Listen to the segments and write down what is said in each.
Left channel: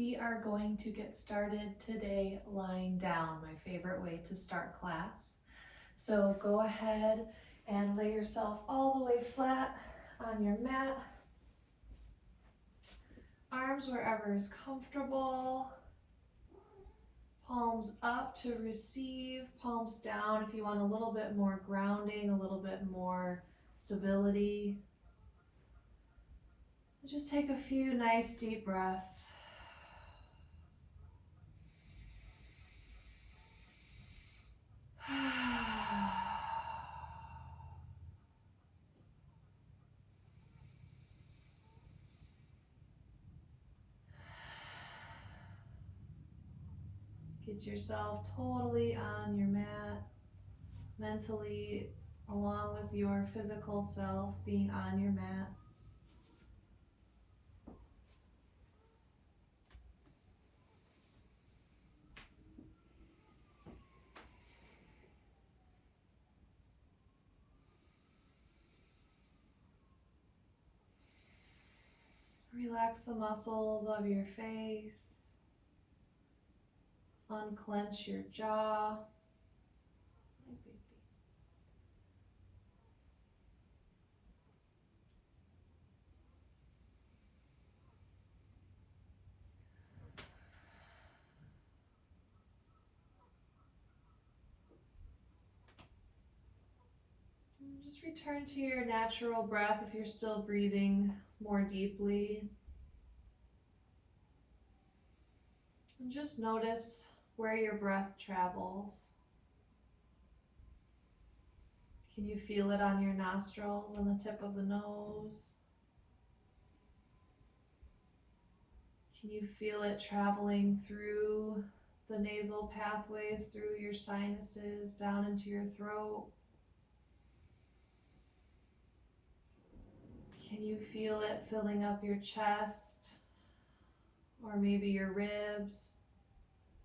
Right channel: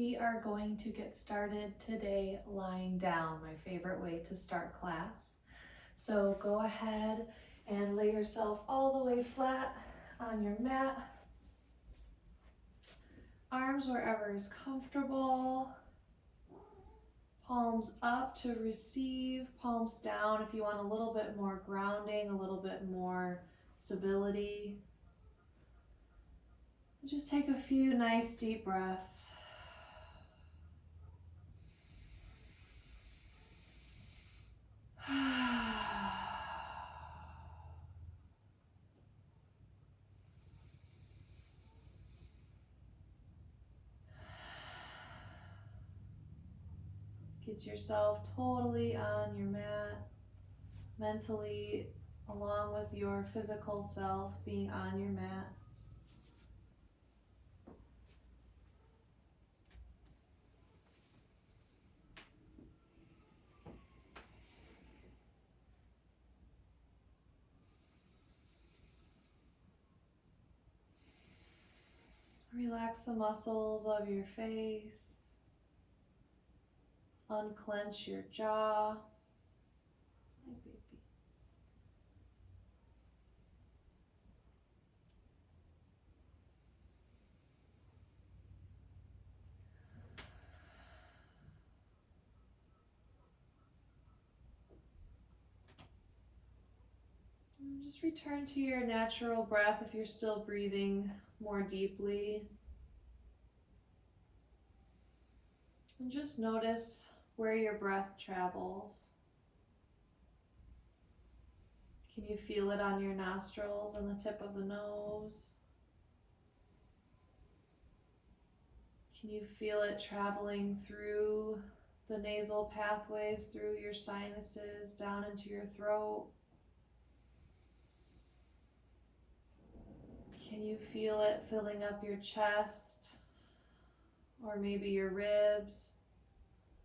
We are going to get started today lying down, my favorite way to start class. So go ahead and lay yourself all the way flat on your mat. Arms wherever is comfortable. Palms up to receive, palms down if you want a little bit more grounding, a little bit more stability. Just take a few nice deep breaths. Get yourself totally on your mat, mentally, along with your physical self being on your mat. Relax the muscles of your face. Unclench your jaw. Hey, baby. And just return to your natural breath if you're still breathing more deeply. And just notice where your breath travels. Can you feel it on your nostrils, on the tip of the nose? Can you feel it traveling through the nasal pathways, through your sinuses, down into your throat? Can you feel it filling up your chest? Or maybe your ribs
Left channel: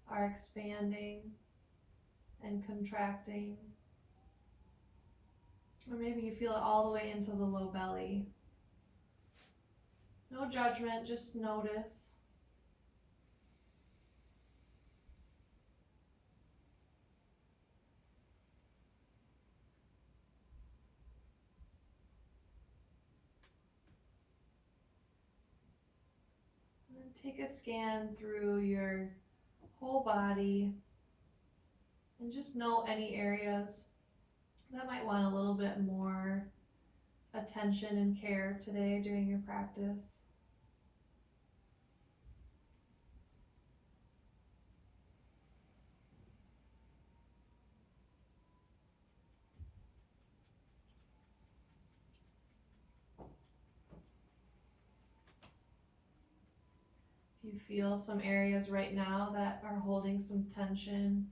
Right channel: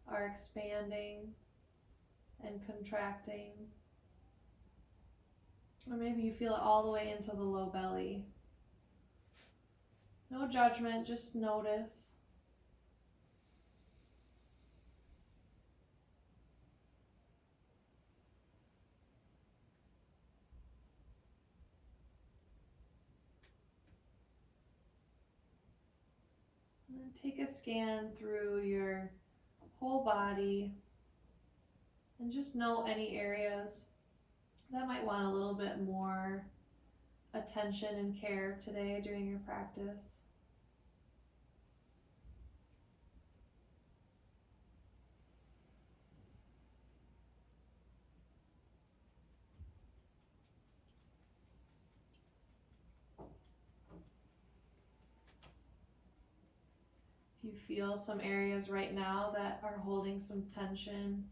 are expanding and contracting. Or maybe you feel it all the way into the low belly. No judgment, just notice. And take a scan through your whole body and just note any areas that might want a little bit more attention and care today during your practice. If you feel some areas right now that are holding some tension,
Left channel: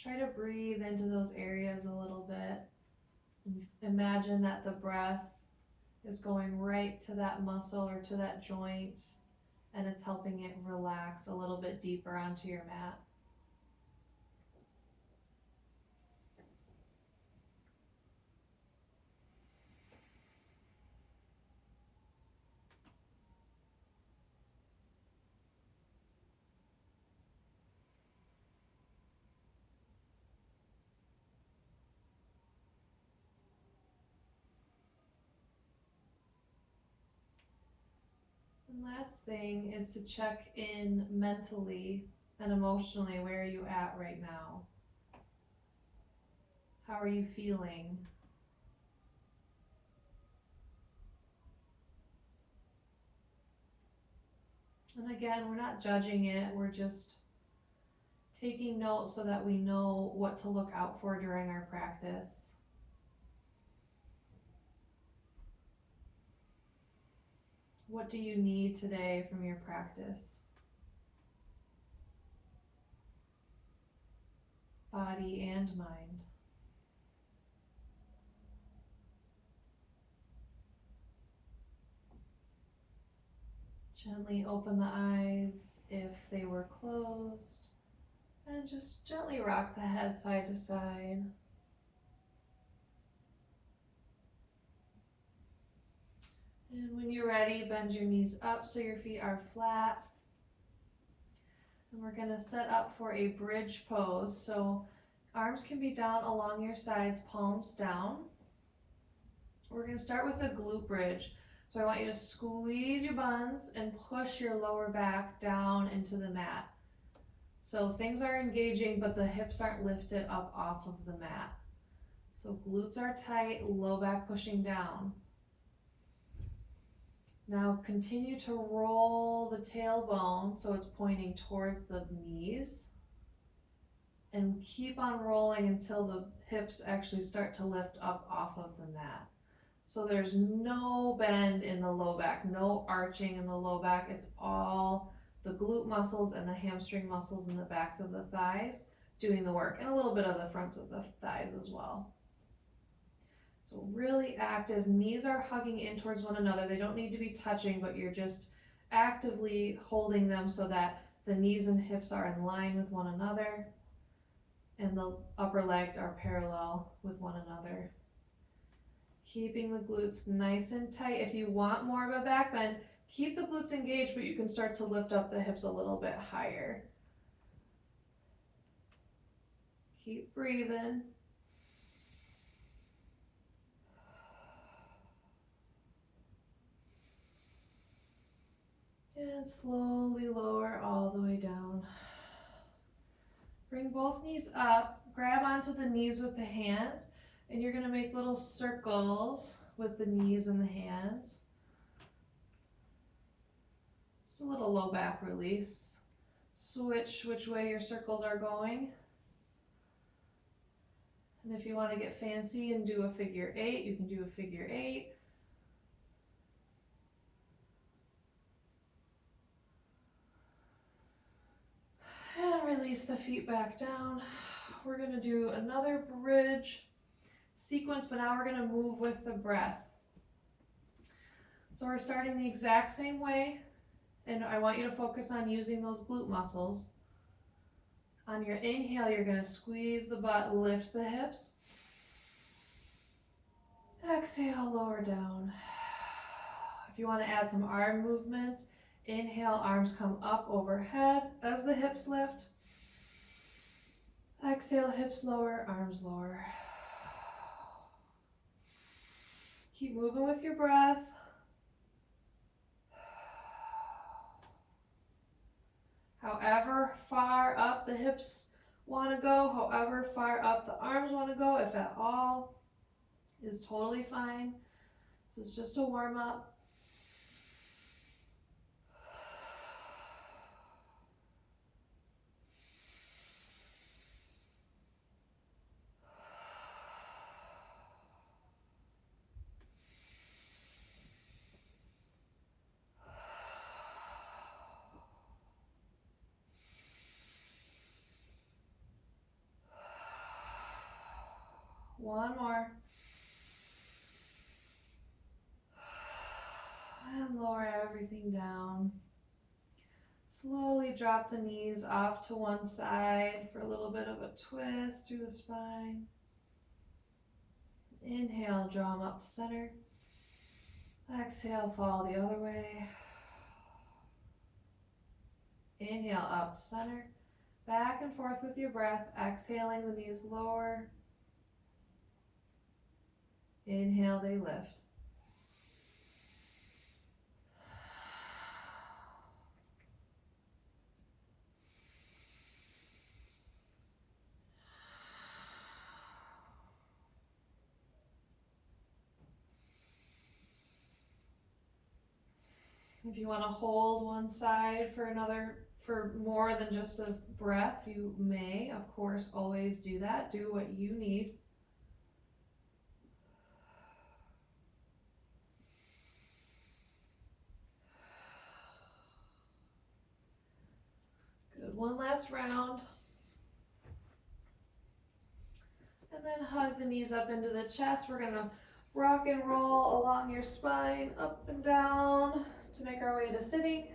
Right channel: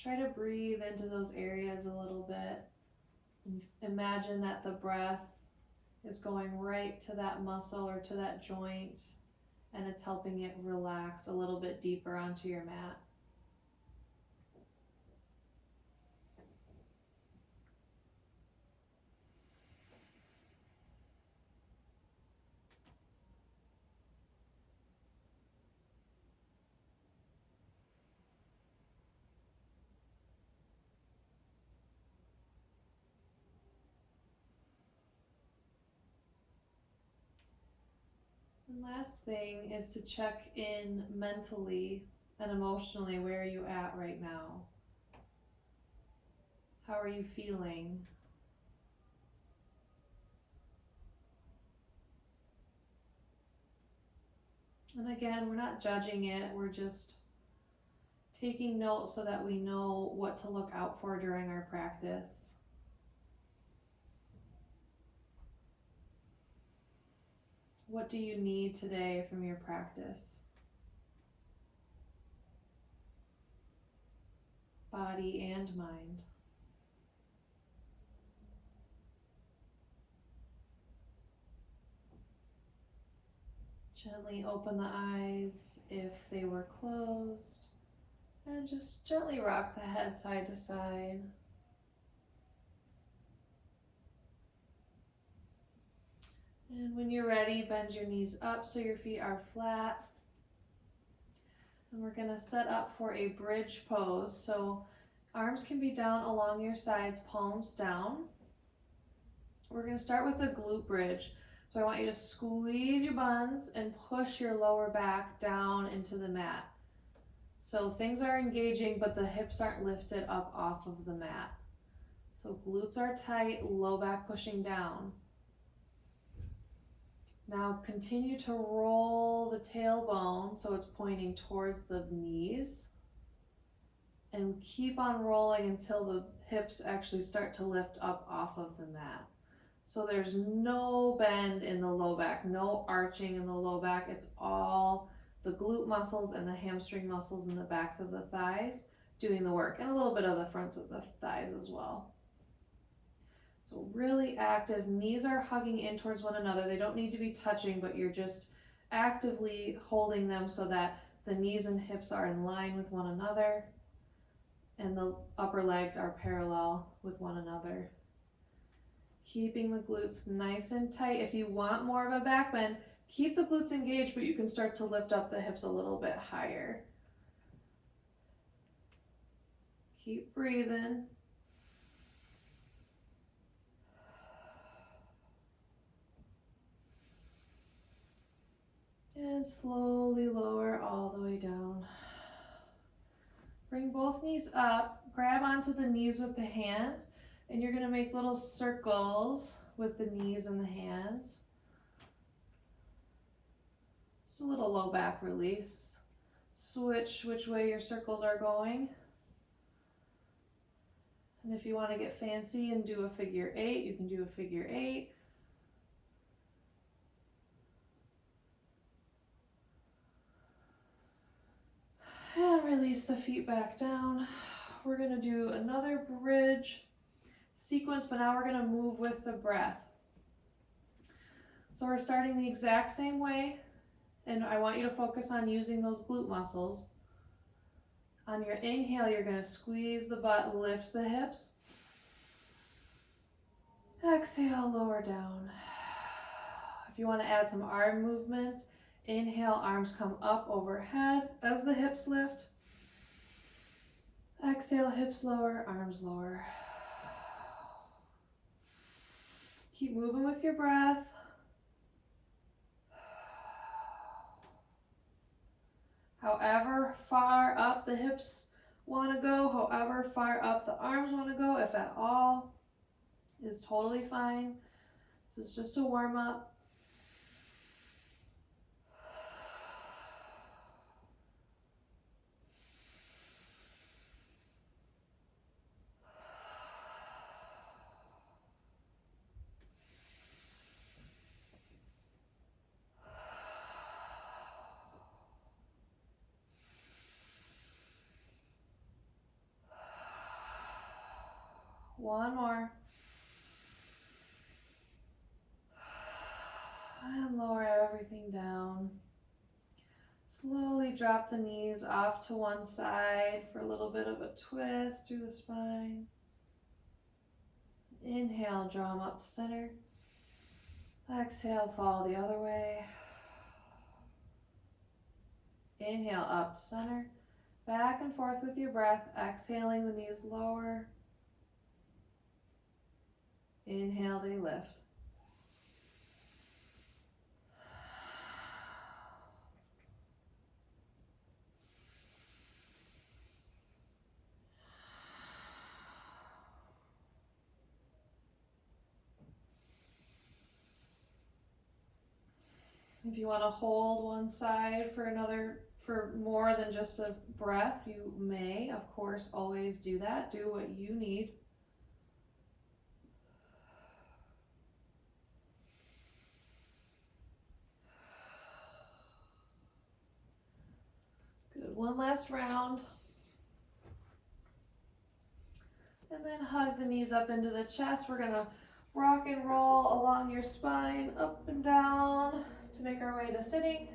try to breathe into those areas a little bit. Imagine that the breath is going right to that muscle or to that joint, and it's helping it relax a little bit deeper onto your mat. And last thing is to check in mentally and emotionally. Where are you at right now? How are you feeling? And again, we're not judging it, we're just taking notes so that we know what to look out for during our practice. What do you need today from your practice? Body and mind. Gently open the eyes if they were closed, and just gently rock the head side to side. And when you're ready, bend your knees up so your feet are flat. And we're gonna set up for a bridge pose. So arms can be down along your sides, palms down. We're gonna start with a glute bridge. So I want you to squeeze your buns and push your lower back down into the mat. So things are engaging, but the hips aren't lifted up off of the mat. So glutes are tight, low back pushing down. Now continue to roll the tailbone so it's pointing towards the knees. And keep on rolling until the hips actually start to lift up off of the mat. So there's no bend in the low back, no arching in the low back. It's all the glute muscles and the hamstring muscles in the backs of the thighs doing the work, and a little bit of the fronts of the thighs as well. So really active. Knees are hugging in towards one another. They don't need to be touching, but you're just actively holding them so that the knees and hips are in line with one another and the upper legs are parallel with one another. Keeping the glutes nice and tight. If you want more of a back bend, keep the glutes engaged, but you can start to lift up the hips a little bit higher. Keep breathing. And slowly lower all the way down. Bring both knees up, grab onto the knees with the hands, and you're gonna make little circles with the knees and the hands. Just a little low back release. Switch which way your circles are going. And if you want to get fancy and do a figure eight, you can do a figure eight. And release the feet back down. We're going to do another bridge sequence, but now we're going to move with the breath. So we're starting the exact same way, and I want you to focus on using those glute muscles. On your inhale, you're going to squeeze the butt, lift the hips. Exhale, lower down. If you want to add some arm movements, inhale, arms come up overhead as the hips lift. Exhale, hips lower, arms lower. Keep moving with your breath. However far up the hips want to go, however far up the arms want to go, if at all, is totally fine. This is just a warm up. One more. And lower everything down. Slowly drop the knees off to one side for a little bit of a twist through the spine. Inhale, draw them up to center. Exhale, fall the other way. Inhale, up, center. Back and forth with your breath, exhaling, the knees lower. Inhale, they lift. If you want to hold one side for more than just a breath, you may, of course, always do that. Do what you need. Good, one last round. And then hug the knees up into the chest. We're gonna rock and roll along your spine, up and down to make our way to sitting.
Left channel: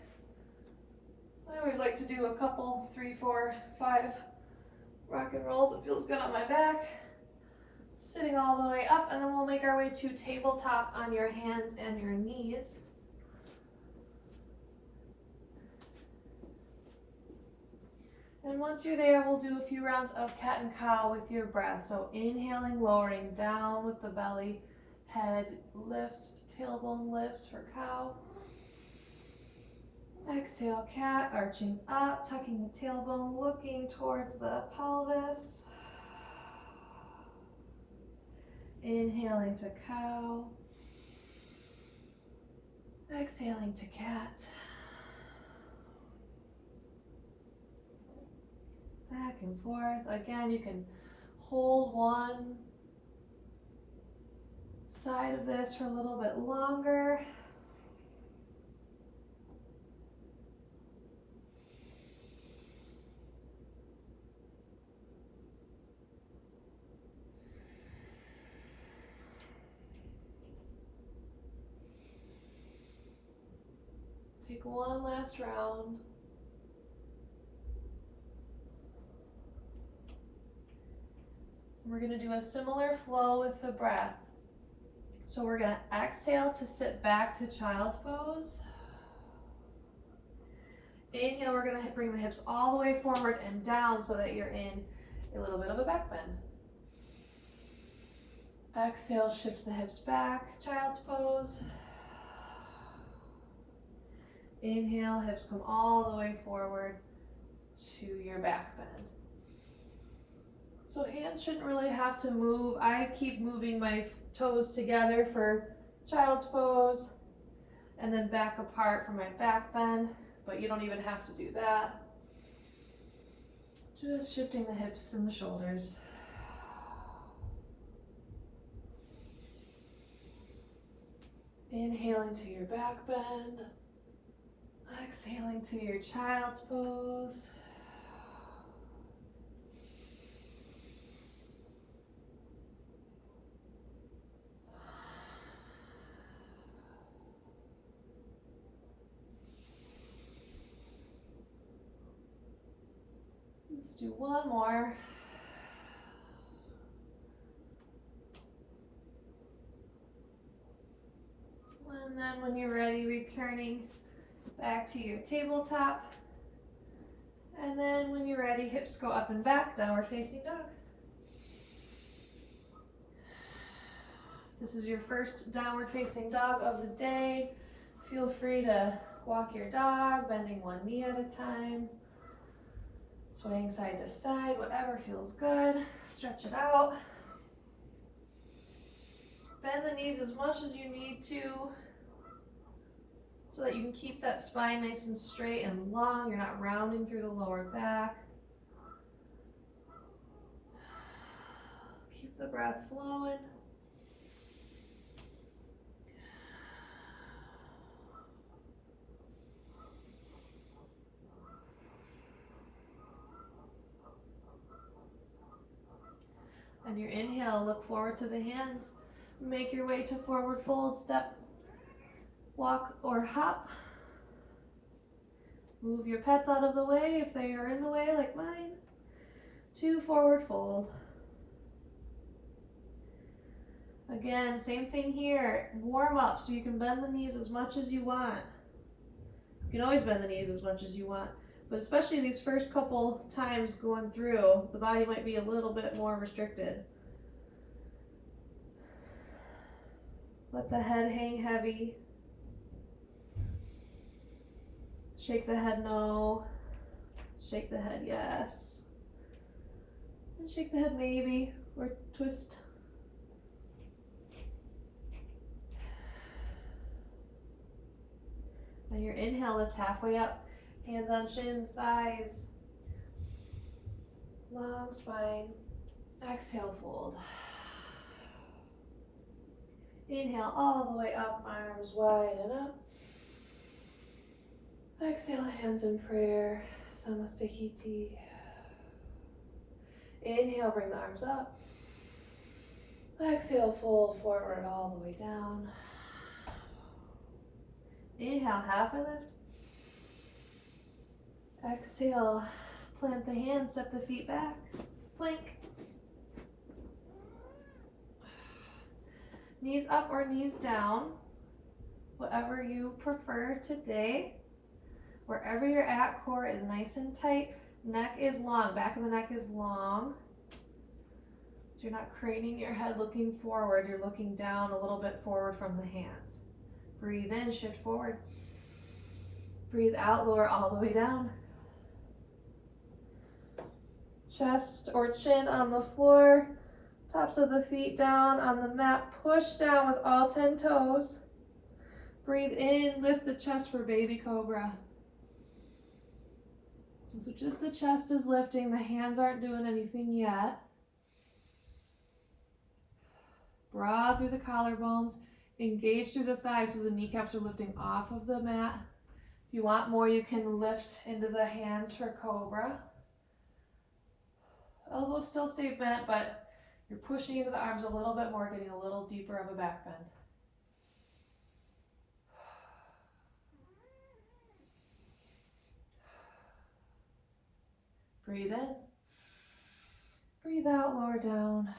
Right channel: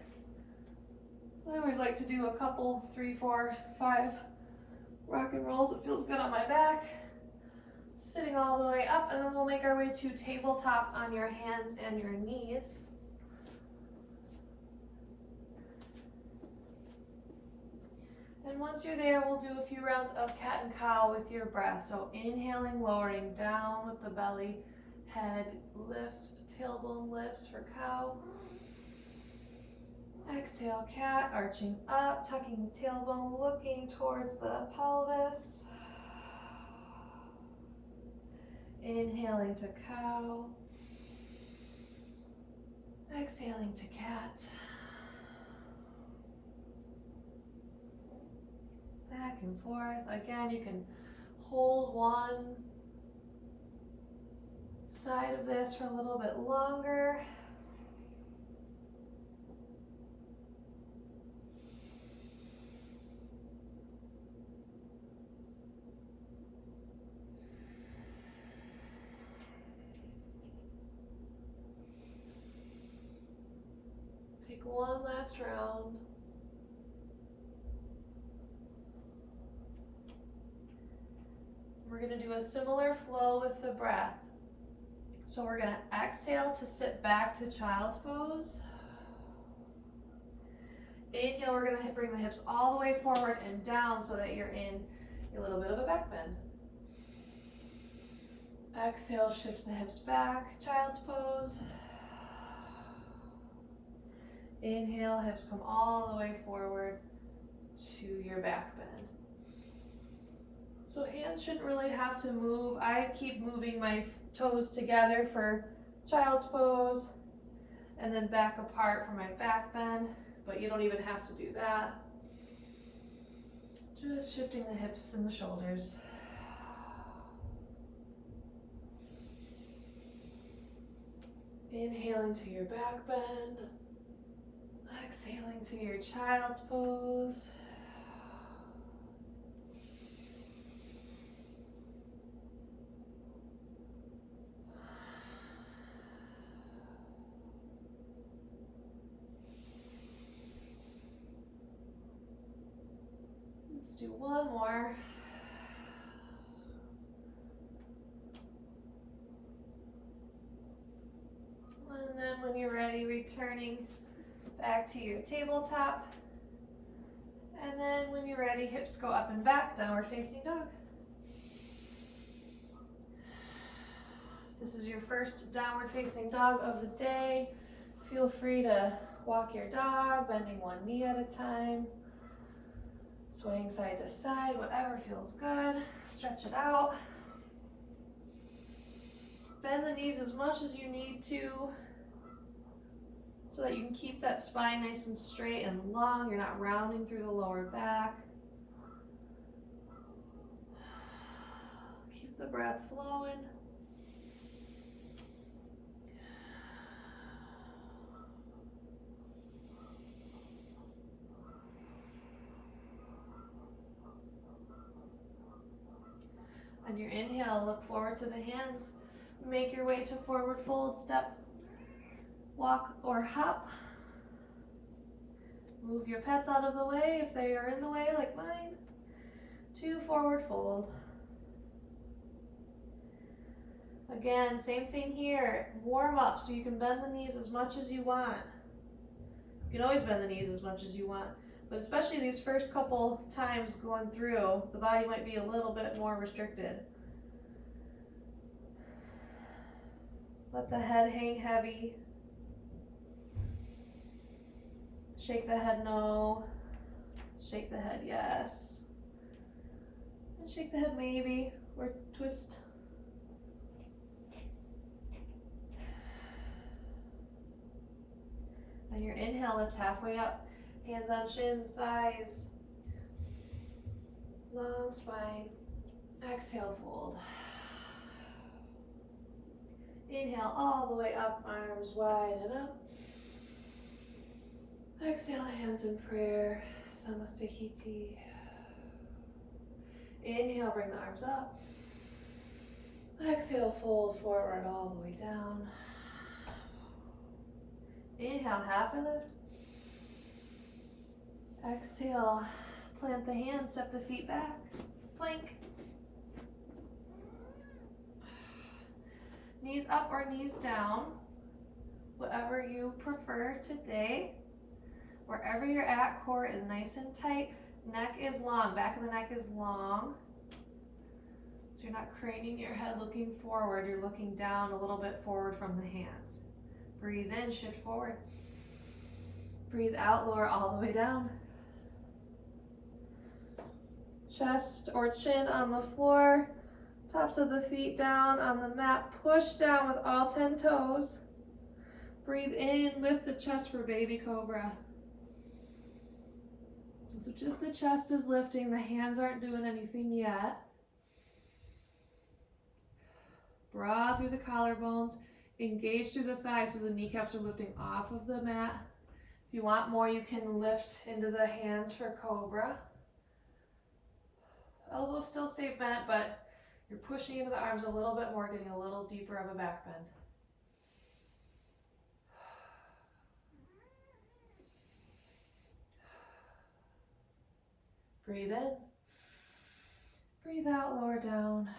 I always like to do a couple, 3, 4, 5 rock and rolls. It feels good on my back. Sitting all the way up, and then we'll make our way to tabletop on your hands and your knees. And once you're there, we'll do a few rounds of cat and cow with your breath. So inhaling, lowering down with the belly, head lifts, tailbone lifts for cow. Exhale, cat, arching up, tucking the tailbone, looking towards the pelvis. Inhaling to cow. Exhaling to cat. Back and forth. Again, you can hold one side of this for a little bit longer. Take one last round. We're going to do a similar flow with the breath. So we're going to exhale to sit back to child's pose. Inhale, we're going to bring the hips all the way forward and down so that you're in a little bit of a back bend. Exhale, shift the hips back, child's pose. Inhale, hips come all the way forward to your back bend. So hands shouldn't really have to move. I keep moving my toes together for child's pose and then back apart for my back bend, but you don't even have to do that. Just shifting the hips and the shoulders. Inhaling to your back bend. Exhaling to your child's pose. Let's do one more. And then when you're ready, returning back to your tabletop. And then when you're ready, hips go up and back, downward facing dog. This is your first downward facing dog of the day. Feel free to walk your dog, bending one knee at a time, swaying side to side, whatever feels good. Stretch it out. Bend the knees as much as you need to so that you can keep that spine nice and straight and long. You're not rounding through the lower back. Keep the breath flowing. On your inhale, look forward to the hands. Make your way to forward fold, step, walk, or hop. Move your pets out of the way if they are in the way like mine. To forward fold. Again, same thing here. Warm up so you can bend the knees as much as you want. You can always bend the knees as much as you want, but especially these first couple times going through, the body might be a little bit more restricted. Let the head hang heavy. Shake the head no. Shake the head yes. And shake the head maybe, or twist. On your inhale, lift halfway up. Hands on shins, thighs. Long spine. Exhale, fold. Inhale all the way up, arms wide and up. Exhale, hands in prayer. Samastahiti. Inhale, bring the arms up. Exhale, fold forward all the way down. Inhale, halfway lift. Exhale, plant the hands, step the feet back. Plank. Knees up or knees down, whatever you prefer today. Wherever you're at, core is nice and tight. Neck is long, back of the neck is long. So you're not craning your head looking forward, you're looking down a little bit forward from the hands. Breathe in, shift forward. Breathe out, lower all the way down. Chest or chin on the floor, tops of the feet down on the mat. Push down with all 10 toes. Breathe in, lift the chest for baby cobra. So just the chest is lifting, the hands aren't doing anything yet. Broad through the collarbones, engage through the thighs so the kneecaps are lifting off of the mat. If you want more, you can lift into the hands for cobra. Elbows still stay bent, but you're pushing into the arms a little bit more, getting a little deeper of a back bend. Breathe in. Breathe out, lower down.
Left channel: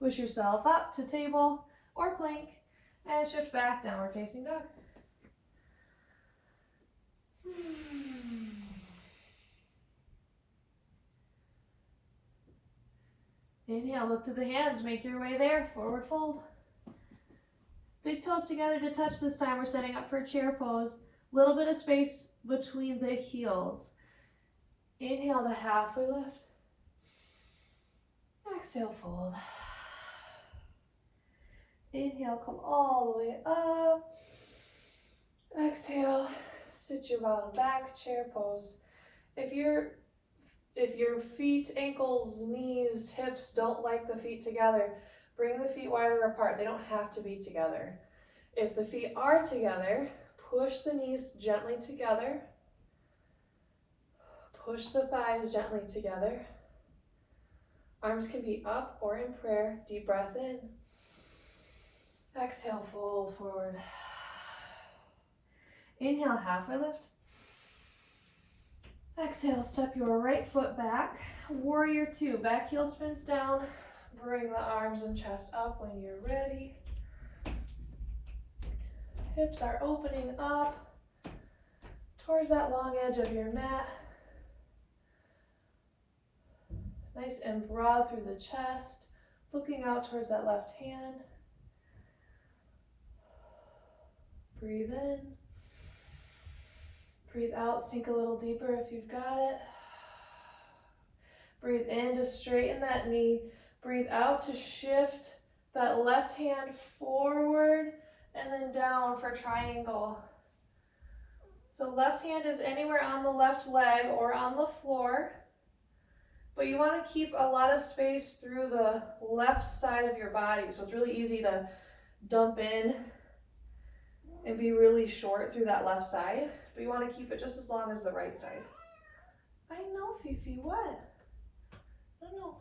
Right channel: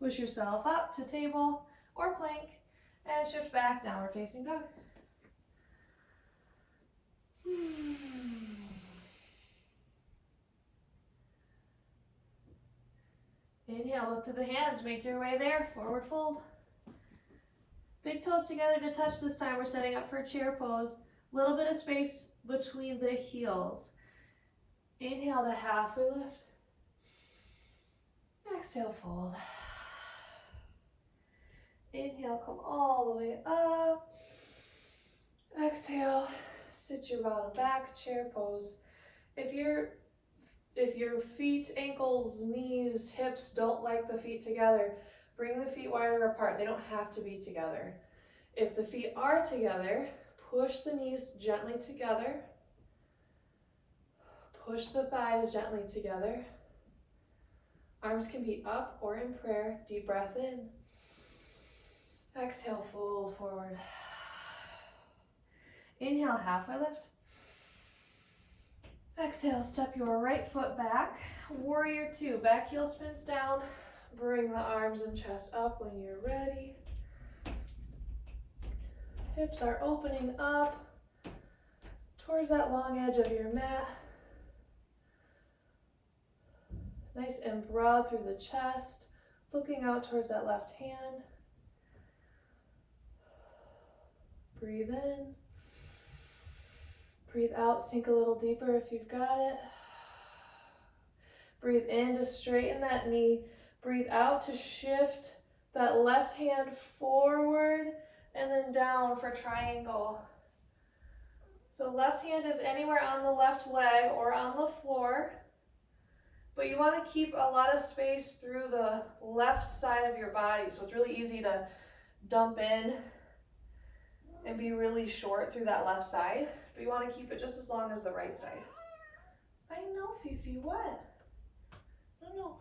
Push yourself up to table or plank and shift back, downward facing dog. Inhale, look to the hands, make your way there, forward fold. Big toes together to touch this time. We're setting up for a chair pose. Little bit of space between the heels. Inhale to halfway lift. Exhale, fold. Inhale, come all the way up. Exhale, sit your bottom back, chair pose. If your feet, ankles, knees, hips don't like the feet together, bring the feet wider apart. They don't have to be together. If the feet are together, push the knees gently together. Push the thighs gently together. Arms can be up or in prayer. Deep breath in. Exhale, fold forward. Inhale, halfway lift. Exhale, step your right foot back. Warrior two, back heel spins down. Bring the arms and chest up when you're ready. Hips are opening up towards that long edge of your mat. Nice and broad through the chest, looking out towards that left hand. Breathe in. Breathe out, sink a little deeper if you've got it. Breathe in to straighten that knee. Breathe out to shift that left hand forward and then down for triangle. So left hand is anywhere on the left leg or on the floor, but you want to keep a lot of space through the left side of your body. So it's really easy to dump in and be really short through that left side, but you want to keep it just as long as the right side. I know, Fifi, what? I don't know.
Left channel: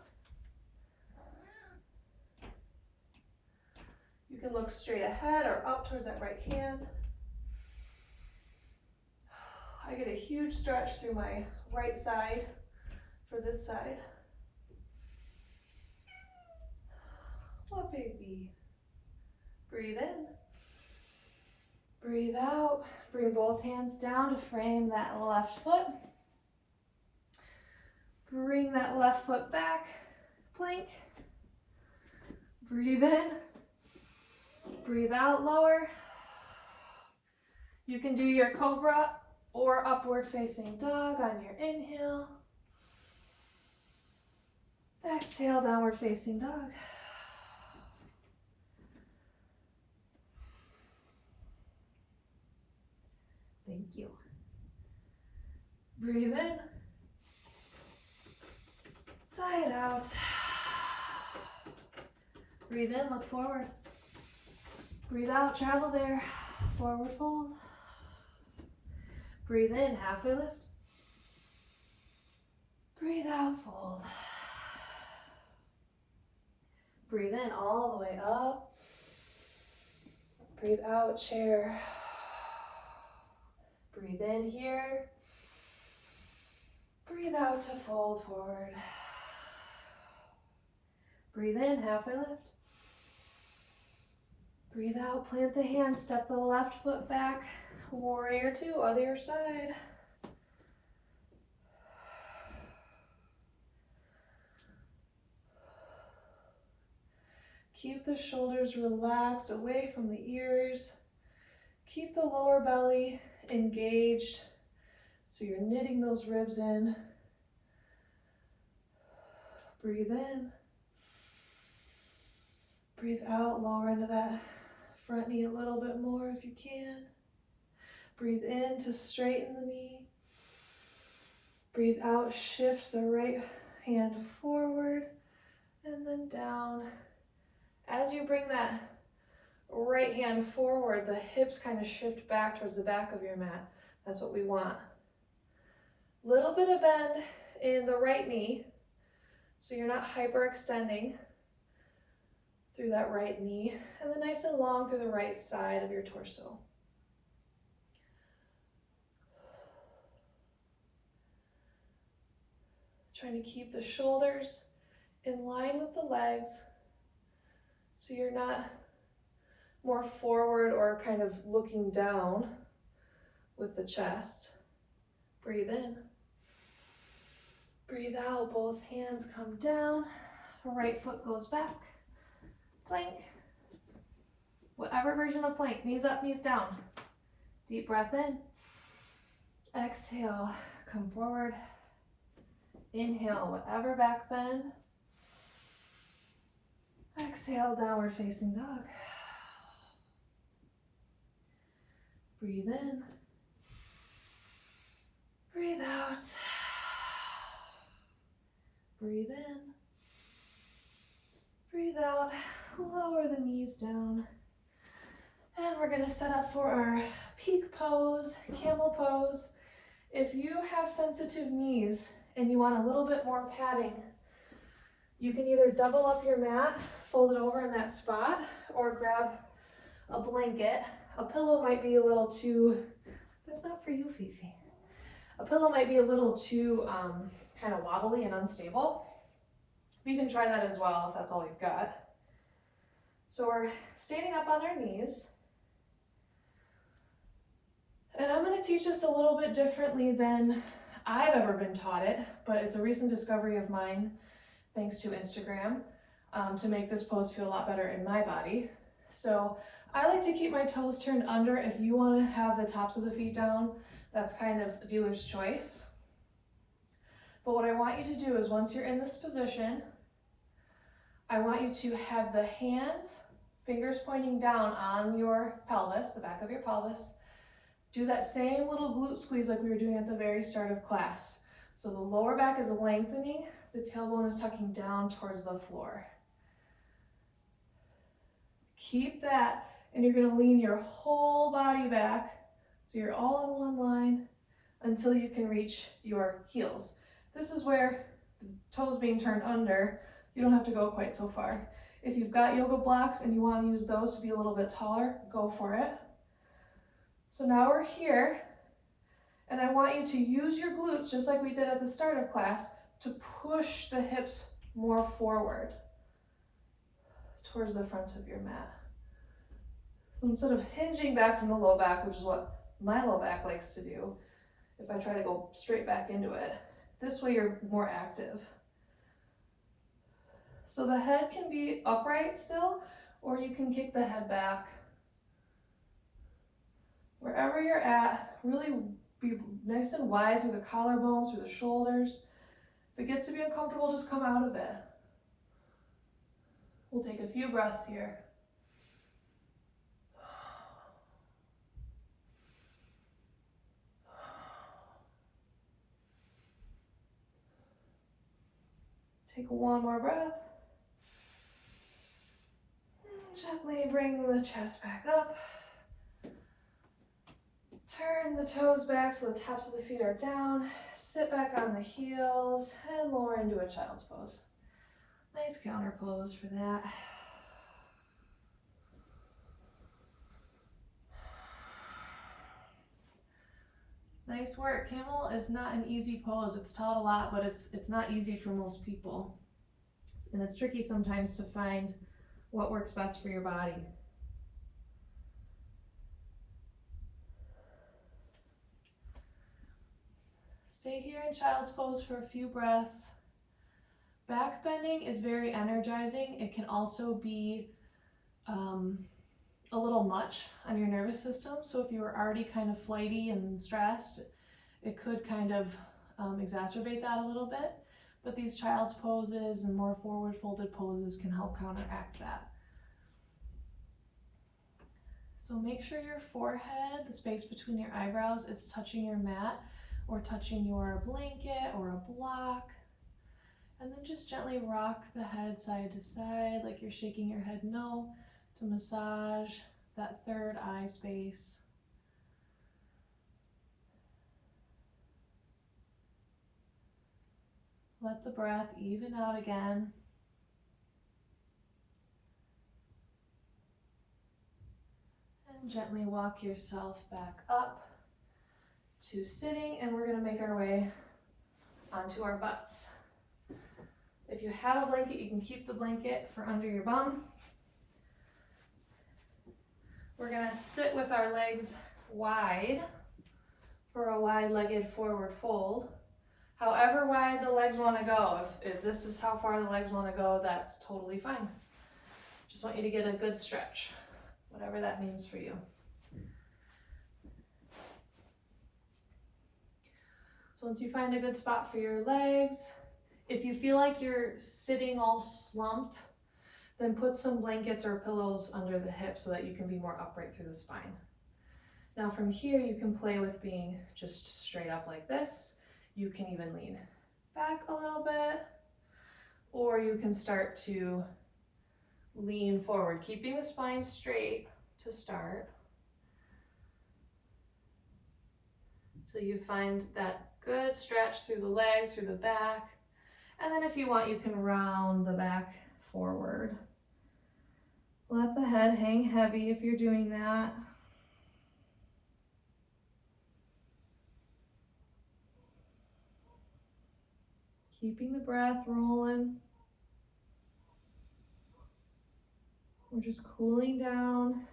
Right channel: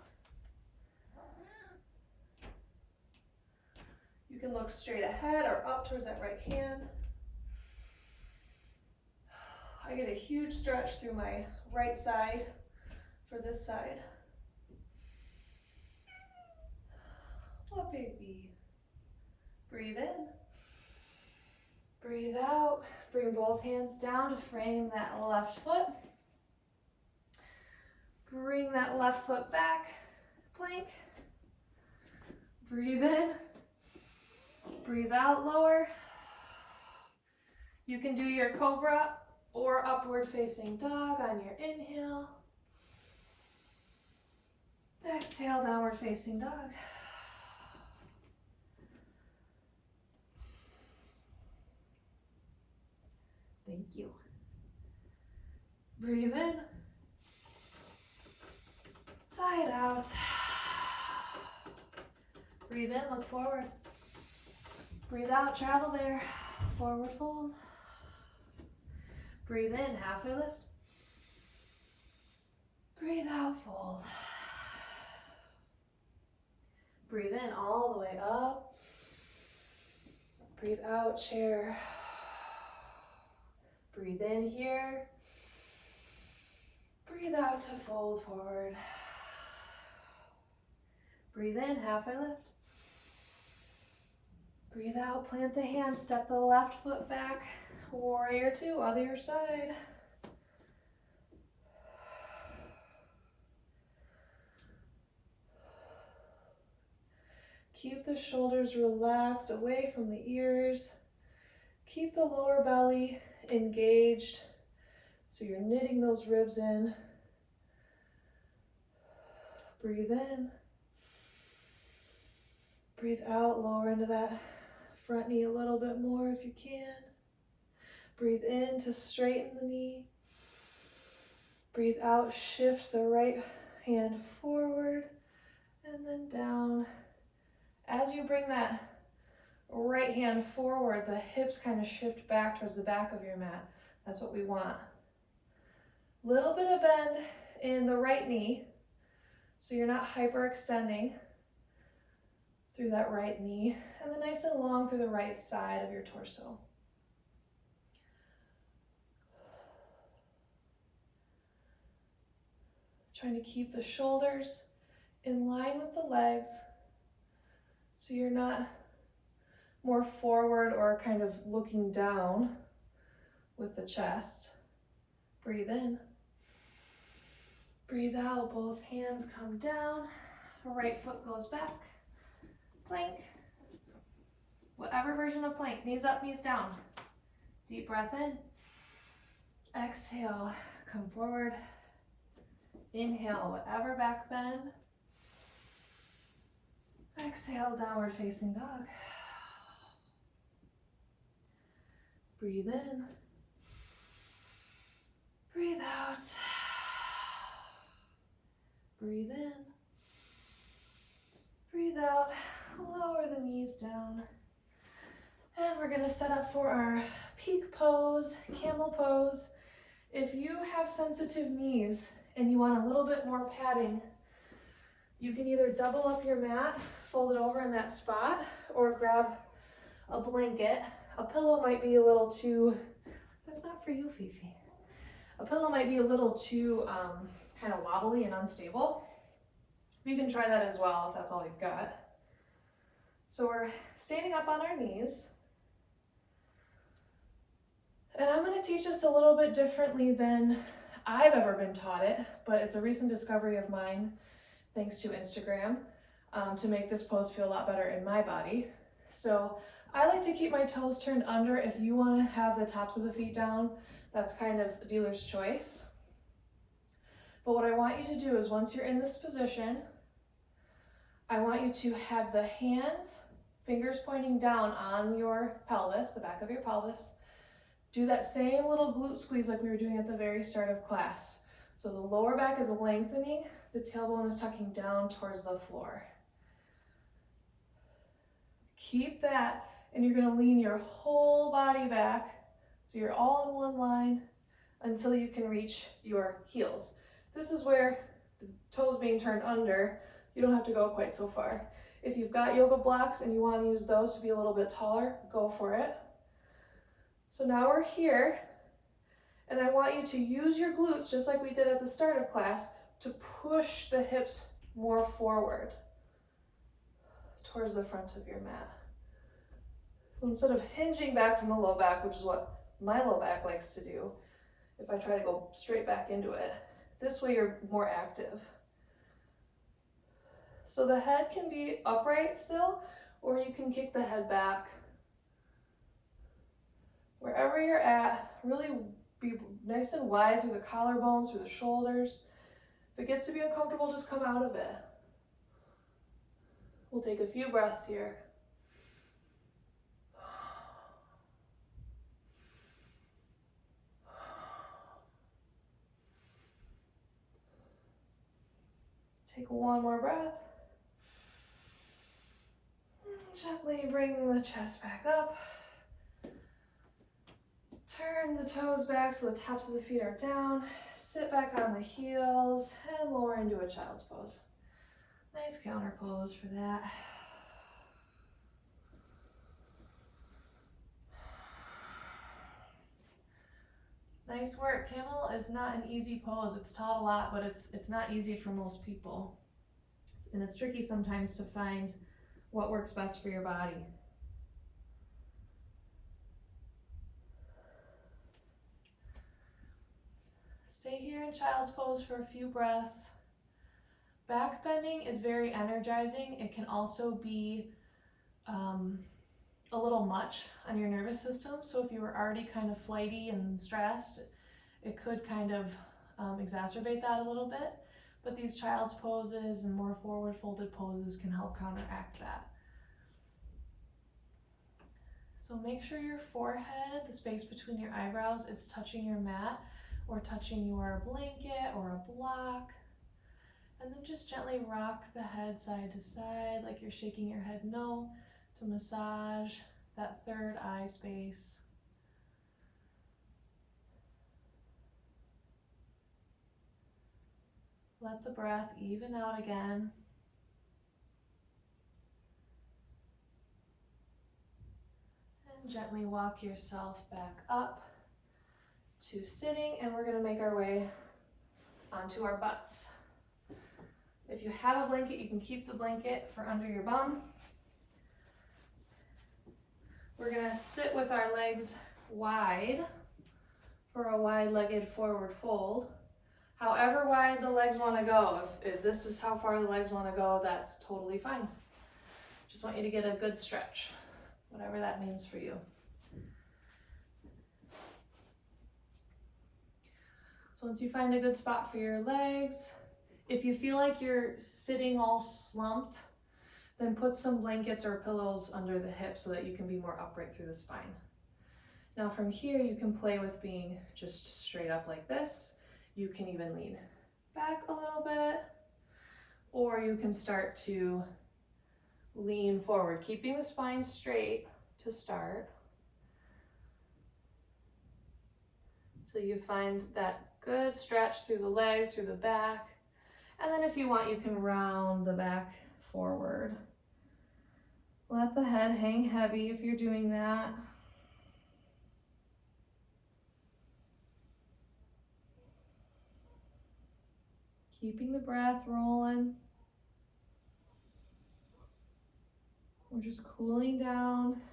You can look straight ahead or up towards that right hand. I get a huge stretch through my right side for this side. What, baby? Breathe in. Breathe out. Bring both hands down to frame that left foot. Bring that left foot back. Plank. Breathe in. Breathe out, lower. You can do your cobra or upward facing dog on your inhale. Exhale, downward facing dog. Thank you. Breathe in. Side out. Breathe in, look forward. Breathe out, travel there. Forward fold. Breathe in, halfway lift. Breathe out, fold. Breathe in all the way up. Breathe out, chair. Breathe in here. Breathe out to fold forward. Breathe in, halfway lift. Breathe out, plant the hands, step the left foot back. Warrior two, other side. Keep the shoulders relaxed away from the ears. Keep the lower belly engaged, so you're knitting those ribs in. Breathe in. Breathe out, lower into that front knee a little bit more if you can. Breathe in to straighten the knee. Breathe out, shift the right hand forward and then down. As you bring that right hand forward, the hips kind of shift back towards the back of your mat. That's what we want. Little bit of bend in the right knee, so you're not hyperextending through that right knee, and then nice and long through the right side of your torso. Trying to keep the shoulders in line with the legs, so you're not more forward or kind of looking down with the chest. Breathe in. Breathe out, both hands come down, right foot goes back. Plank. Whatever version of plank, knees up, knees down. Deep breath in. Exhale, come forward. Inhale, whatever back bend. Exhale, downward facing dog. Breathe in. Breathe out. Breathe in. Breathe out. Lower the knees down. And we're going to set up for our peak pose, camel pose. If you have sensitive knees and you want a little bit more padding, you can either double up your mat, fold it over in that spot, or grab a blanket. A pillow might be a little too, that's not for you, Fifi. A pillow might be a little too kind of wobbly and unstable. You can try that as well if that's all you've got. So we're standing up on our knees. And I'm going to teach this a little bit differently than I've ever been taught it, but it's a recent discovery of mine, thanks to Instagram, to make this pose feel a lot better in my body. So I like to keep my toes turned under. If you want to have the tops of the feet down, that's kind of dealer's choice. But what I want you to do is once you're in this position, I want you to have the hands, fingers pointing down on your pelvis, the back of your pelvis. Do that same little glute squeeze like we were doing at the very start of class. So the lower back is lengthening, the tailbone is tucking down towards the floor. Keep that, and you're gonna lean your whole body back, so you're all in one line until you can reach your heels. This is where the toes being turned under, you don't have to go quite so far. If you've got yoga blocks and you want to use those to be a little bit taller, go for it. So now we're here, and I want you to use your glutes, just like we did at the start of class, to push the hips more forward towards the front of your mat. So instead of hinging back from the low back, which is what my low back likes to do, if I try to go straight back into it, this way you're more active. So the head can be upright still, or you can kick the head back. Wherever you're at, really be nice and wide through the collarbones, through the shoulders. If it gets to be uncomfortable, just come out of it. We'll take a few breaths here. Take one more breath. Gently bring the chest back up. Turn the toes back so the tops of the feet are down. Sit back on the heels and lower into a child's pose. Nice counter pose for that. Nice work. Camel is not an easy pose. It's taught a lot, but it's not easy for most people. And it's tricky sometimes to find what works best for your body. Stay here in child's pose for a few breaths. Back bending is very energizing. It can also be a little much on your nervous system. So if you were already kind of flighty and stressed, it could kind of exacerbate that a little bit. But these child's poses and more forward folded poses can help counteract that. So make sure your forehead, the space between your eyebrows, is touching your mat or touching your blanket or a block. And then just gently rock the head side to side like you're shaking your head no to massage that third eye space. Let the breath even out again. And gently walk yourself back up to sitting, and we're going to make our way onto our butts. If you have a blanket, you can keep the blanket for under your bum. We're going to sit with our legs wide for a wide-legged forward fold. However wide the legs want to go, if this is how far the legs want to go, that's totally fine. Just want you to get a good stretch, whatever that means for you. So once you find a good spot for your legs, if you feel like you're sitting all slumped, then put some blankets or pillows under the hips so that you can be more upright through the spine. Now from here, you can play with being just straight up like this. You can even lean back a little bit, or you can start to lean forward, keeping the spine straight to start. So you find that good stretch through the legs, through the back. And then if you want, you can round the back forward. Let the head hang heavy if you're doing that. Keeping the breath rolling. We're just cooling down.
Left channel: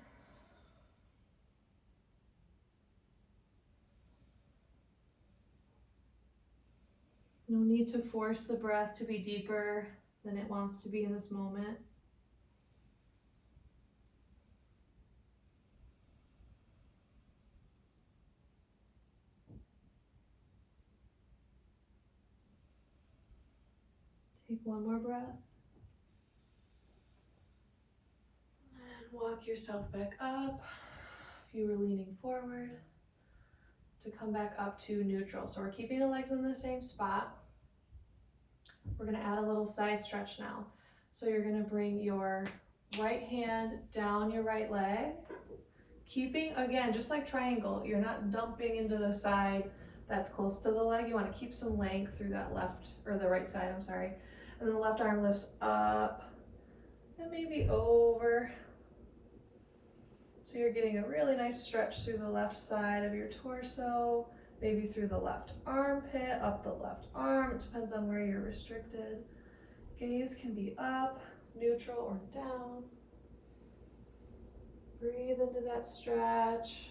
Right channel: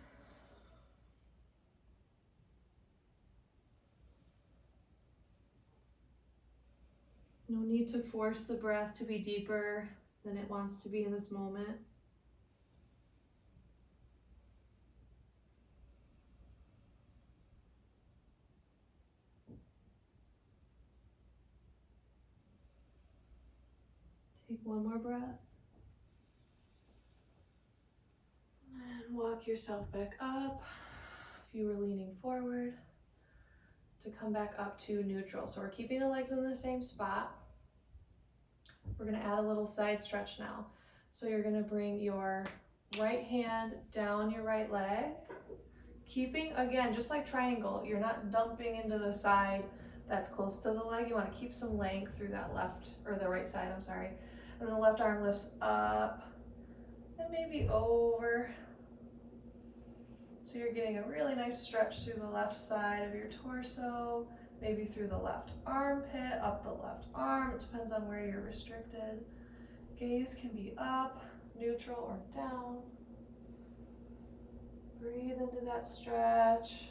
No need to force the breath to be deeper than it wants to be in this moment. Take one more breath. And walk yourself back up. If you were leaning forward, to come back up to neutral. So we're keeping the legs in the same spot. We're going to add a little side stretch now. So you're going to bring your right hand down your right leg, keeping, again, just like triangle, you're not dumping into the side that's close to the leg. You want to keep some length through that left, or the right side, I'm sorry. And then the left arm lifts up and maybe over. So you're getting a really nice stretch through the left side of your torso, maybe through the left armpit, up the left arm. It depends on where you're restricted. Gaze can be up, neutral, or down. Breathe into that stretch.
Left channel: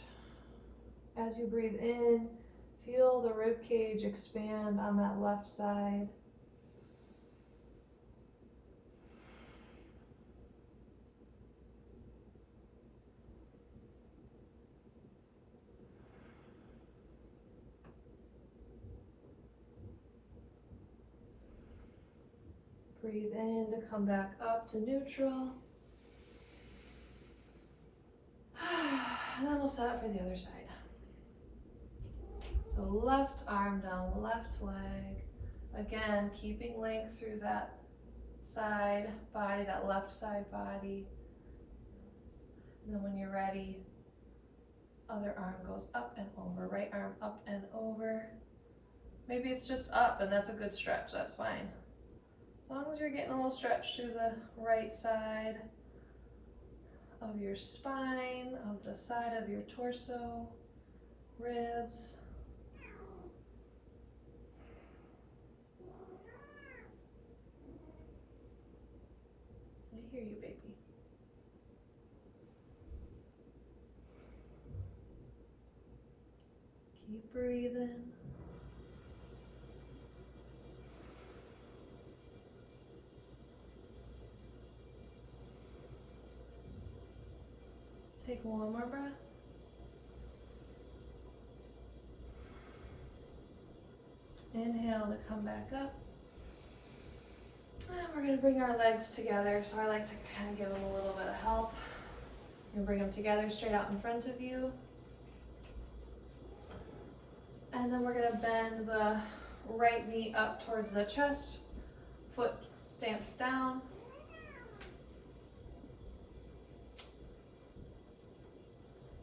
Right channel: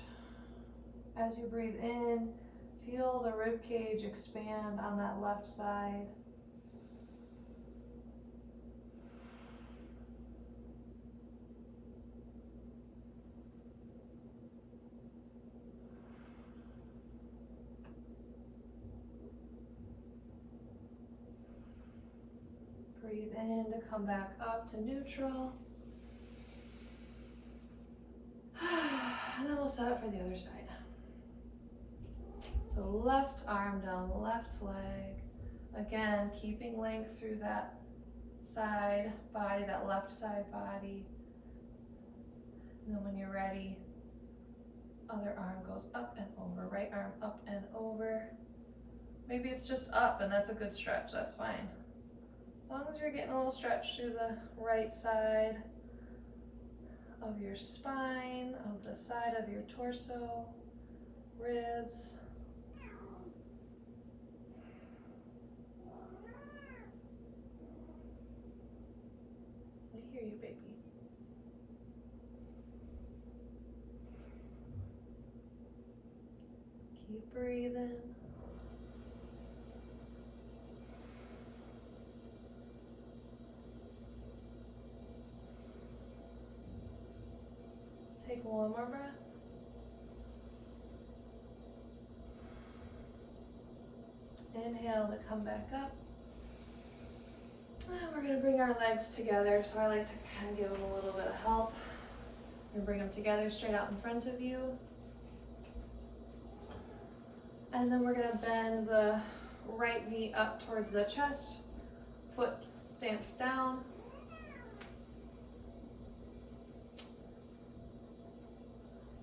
As you breathe in, feel the rib cage expand on that left side. Breathe in to come back up to neutral. And then we'll set up for the other side. So left arm down, left leg. Again, keeping length through that side body, that left side body. And then when you're ready, other arm goes up and over, right arm up and over. Maybe it's just up and that's a good stretch, that's fine. As long as you're getting a little stretch through the right side of your spine, of the side of your torso, ribs. I hear you, baby. Keep breathing. Take one more breath. Inhale to come back up. And we're gonna bring our legs together. So I like to kind of give them a little bit of help. And bring them together straight out in front of you. And then we're gonna bend the right knee up towards the chest. Foot stamps down.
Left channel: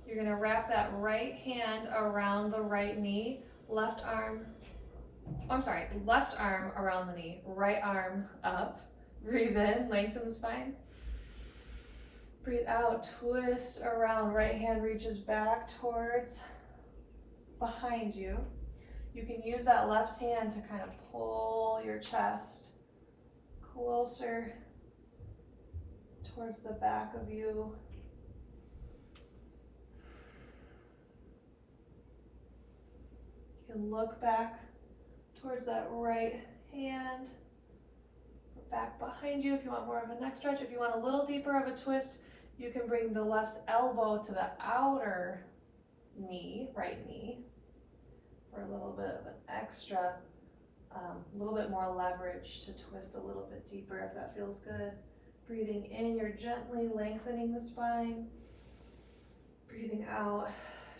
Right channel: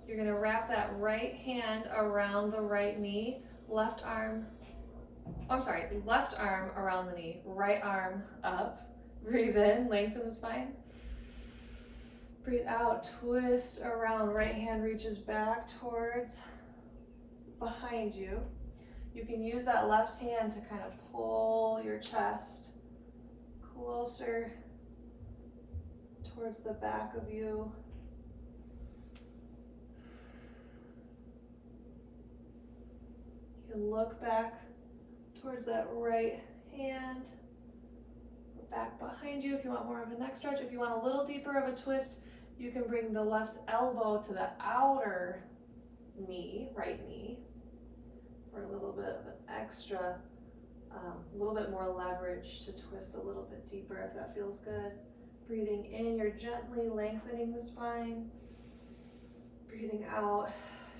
You're gonna wrap that right hand around the right knee, left arm around the knee, right arm up. Breathe in, lengthen the spine. Breathe out, twist around, right hand reaches back towards behind you. You can use that left hand to kind of pull your chest closer towards the back of you. You can look back towards that right hand, back behind you if you want more of a neck stretch. If you want a little deeper of a twist, you can bring the left elbow to the outer knee, right knee, for a little bit of an extra, a little bit more leverage to twist a little bit deeper if that feels good. Breathing in, you're gently lengthening the spine. Breathing out,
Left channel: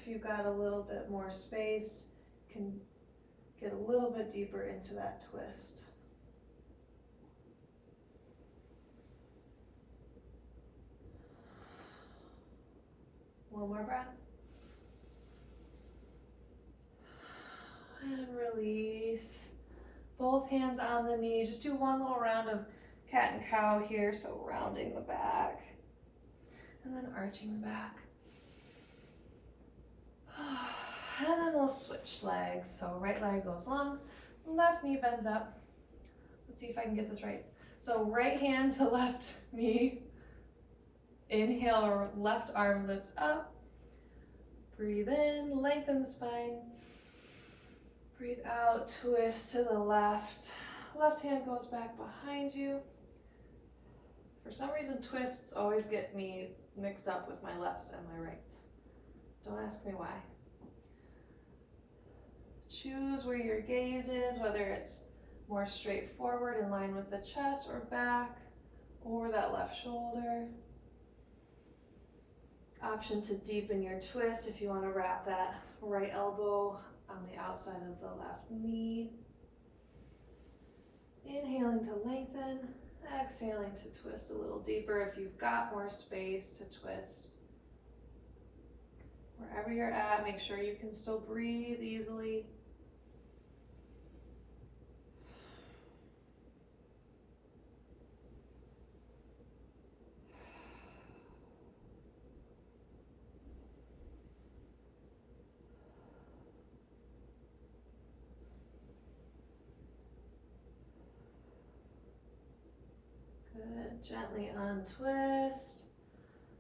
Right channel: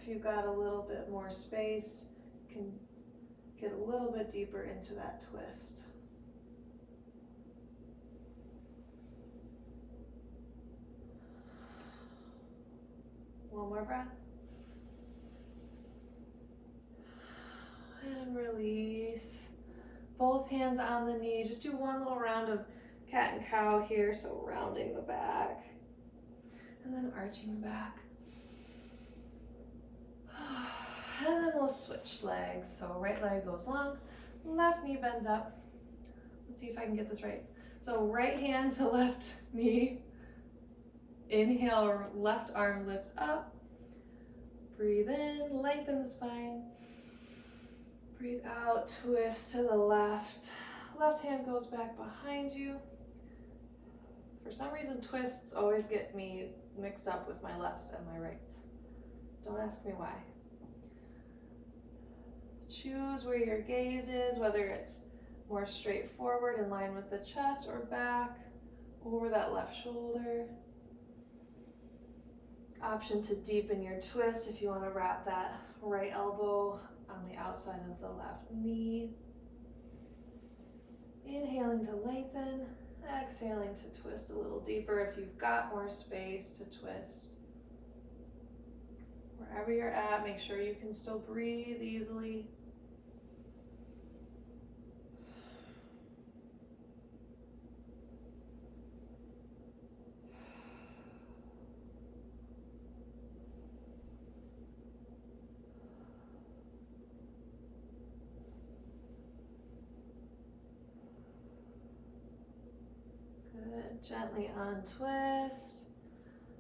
if you've got a little bit more space, you can get a little bit deeper into that twist. One more breath. And release. Both hands on the knee. Just do one little round of cat and cow here, so rounding the back. And then arching the back. And then we'll switch legs. So right leg goes long, left knee bends up. Let's see if I can get this right. So right hand to left knee. Inhale, left arm lifts up. Breathe in, lengthen the spine. Breathe out, twist to the left. Left hand goes back behind you. For some reason, twists always get me mixed up with my lefts and my rights. Don't ask me why. Choose where your gaze is, whether it's more straightforward in line with the chest or back, over that left shoulder. Option to deepen your twist if you want to wrap that right elbow on the outside of the left knee. Inhaling to lengthen, exhaling to twist a little deeper if you've got more space to twist. Wherever you're at, make sure you can still breathe easily. Good, gently untwist.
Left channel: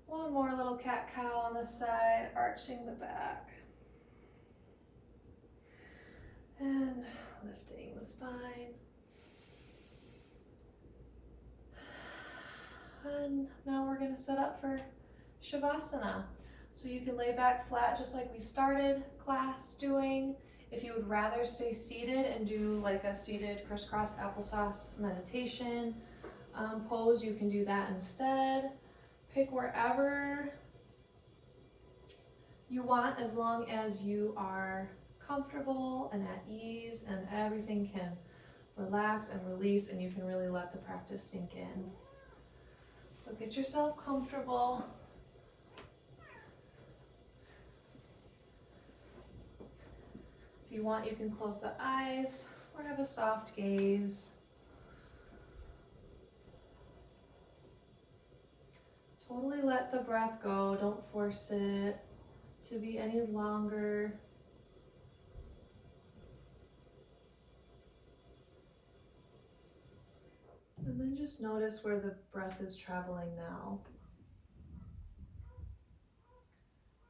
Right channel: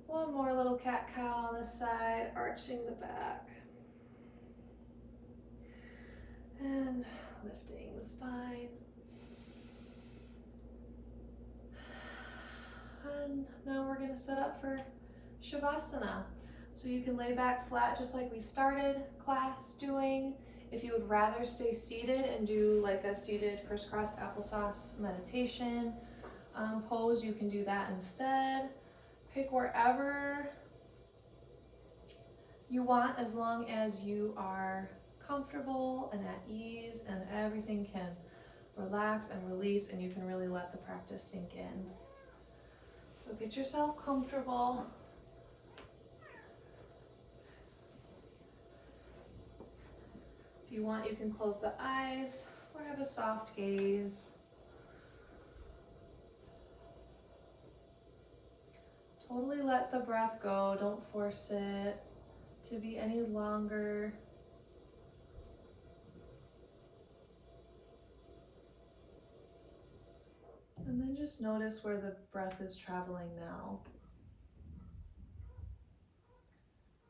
One more little cat-cow on the side, arching the back. And lifting the spine. And now we're gonna set up for Shavasana. So you can lay back flat just like we started class doing. If you would rather stay seated and do like a seated crisscross applesauce meditation pose, you can do that instead. Pick wherever you want, as long as you are comfortable and at ease and everything can relax and release and you can really let the practice sink in. So get yourself comfortable. If you want, you can close the eyes or have a soft gaze. Totally let the breath go. Don't force it to be any longer. And then just notice where the breath is traveling now.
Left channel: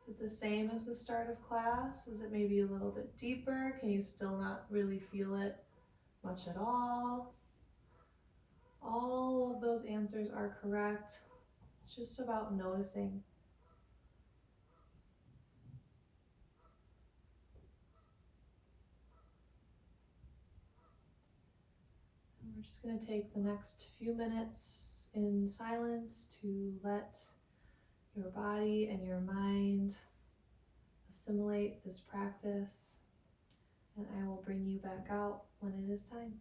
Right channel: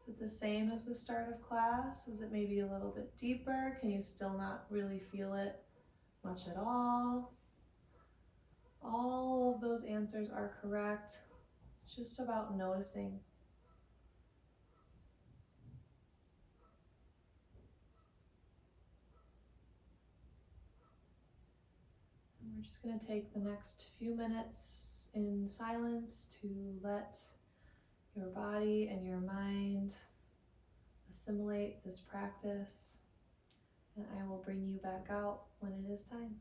Is it the same as the start of class? Is it maybe a little bit deeper? Can you still not really feel it much at all? All of those answers are correct. It's just about noticing. just going to take the next few minutes in silence to let your body and your mind assimilate this practice, and I will bring you back out when it is time.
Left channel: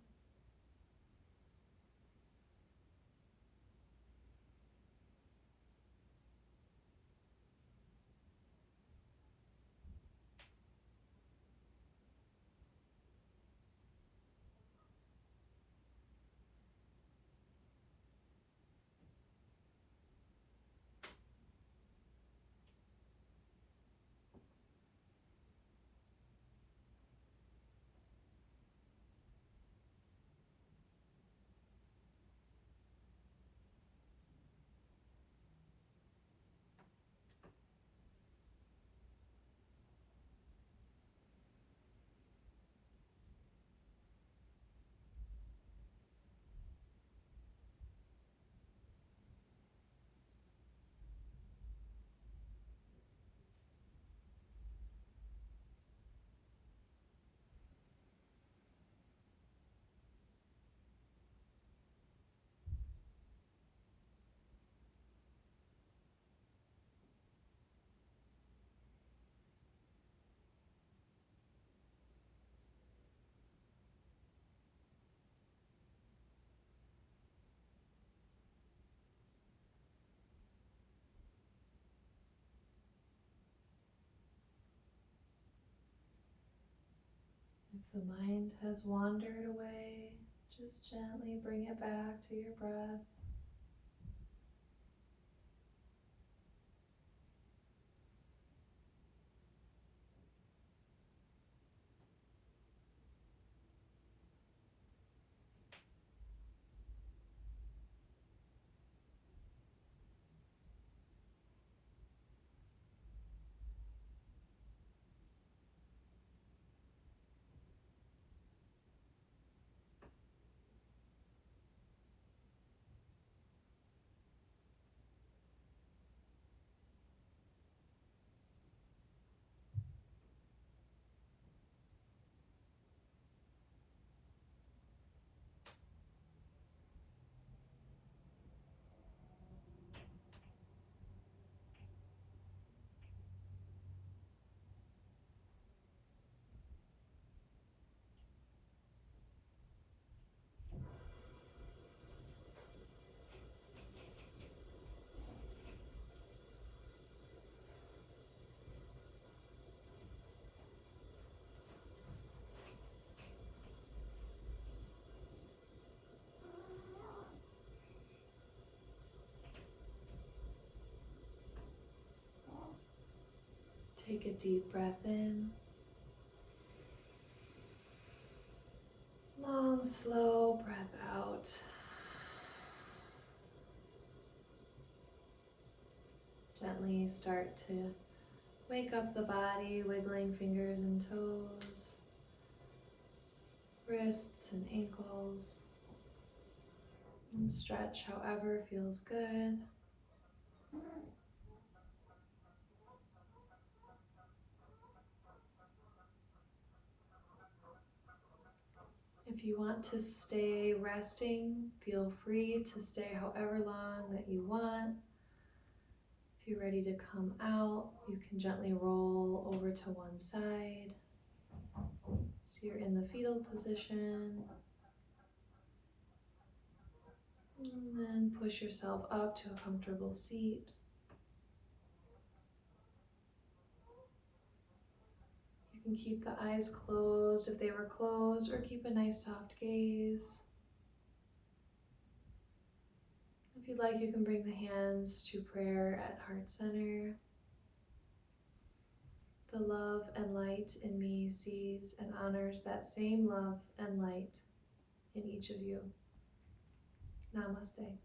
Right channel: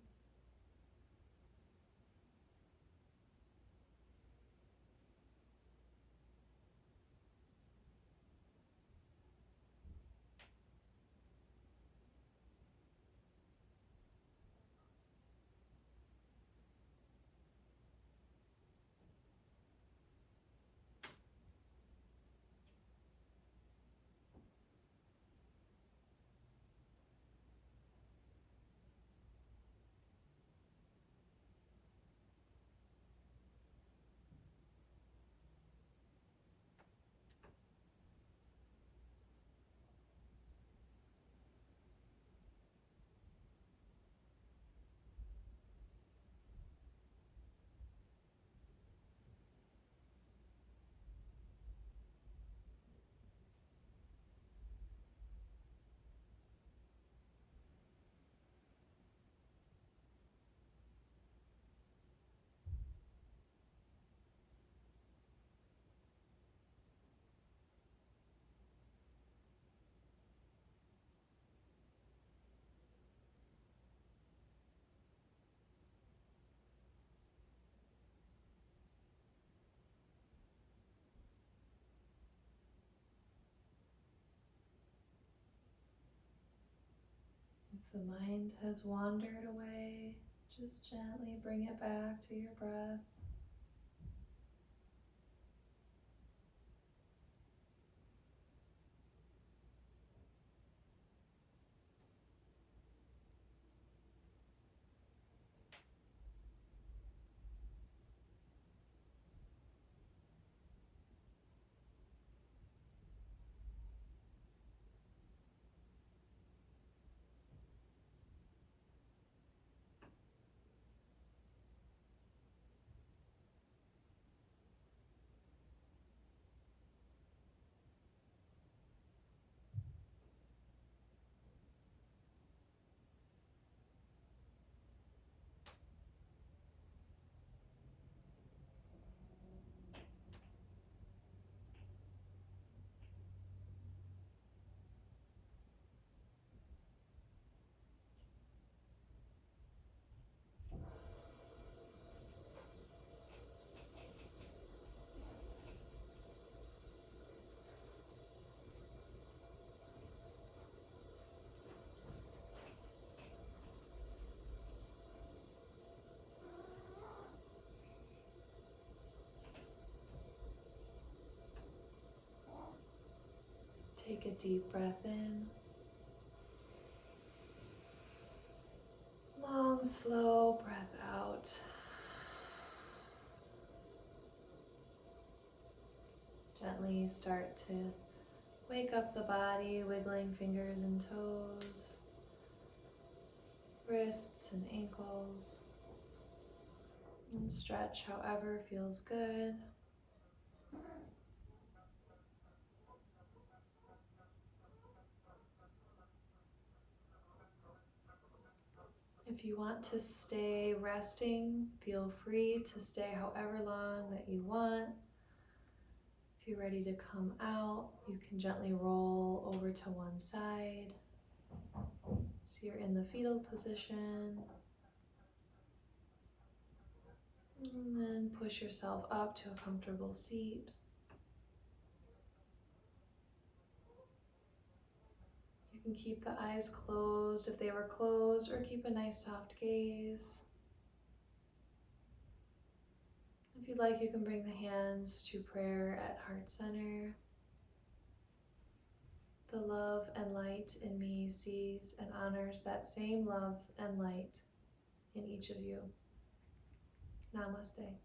If the mind has wandered away, just gently bring it back to your breath. Take a deep breath in. Long, slow breath out. Gently start to wake up the body, wiggling fingers and toes, wrists and ankles, and stretch however feels good. If you want to stay resting, feel free to stay however long that you want. If you're ready to come out, you can gently roll over to one side. So you're in the fetal position. And then push yourself up to a comfortable seat. You can keep the eyes closed if they were closed, or keep a nice soft gaze. If you'd like, you can bring the hands to prayer at heart center. The love and light in me sees and honors that same love and light in each of you. Namaste.